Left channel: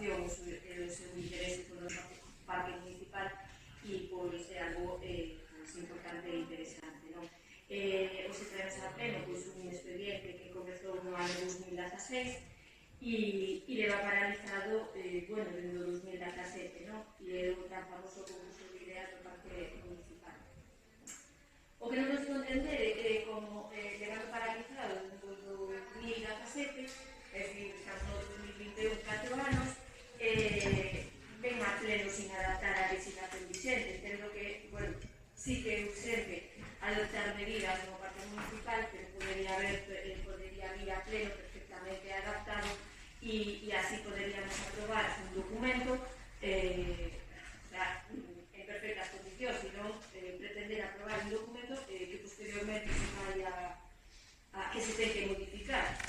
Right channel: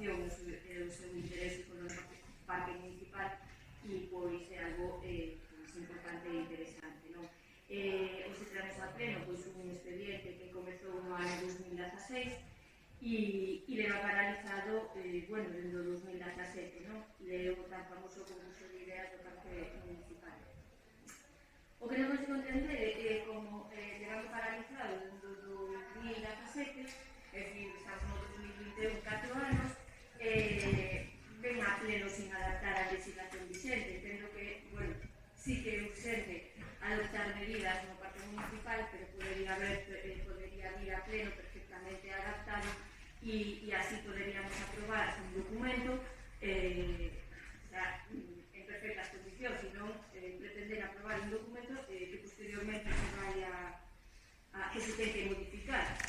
preocupación e o seu interese polo parque municipal e pois é algo importante e interesante, non? Hoxe traemos a pleno un expediente que comezou no ano 2016 e leva paralizado dende o 2017, non? E o tan famoso concurso de ideas do parque municipal. O que non consigo entender é que, como levando paralizado dende o 2017, é dicir, estamos no 2021, 4 anos, ven a pleno sin adaptar a legislación vigente. Entendo que, sí que é urgente adoptar medidas no parque municipal, pero podería vir a pleno perfectamente adaptado e así poderíamos aprobar un documento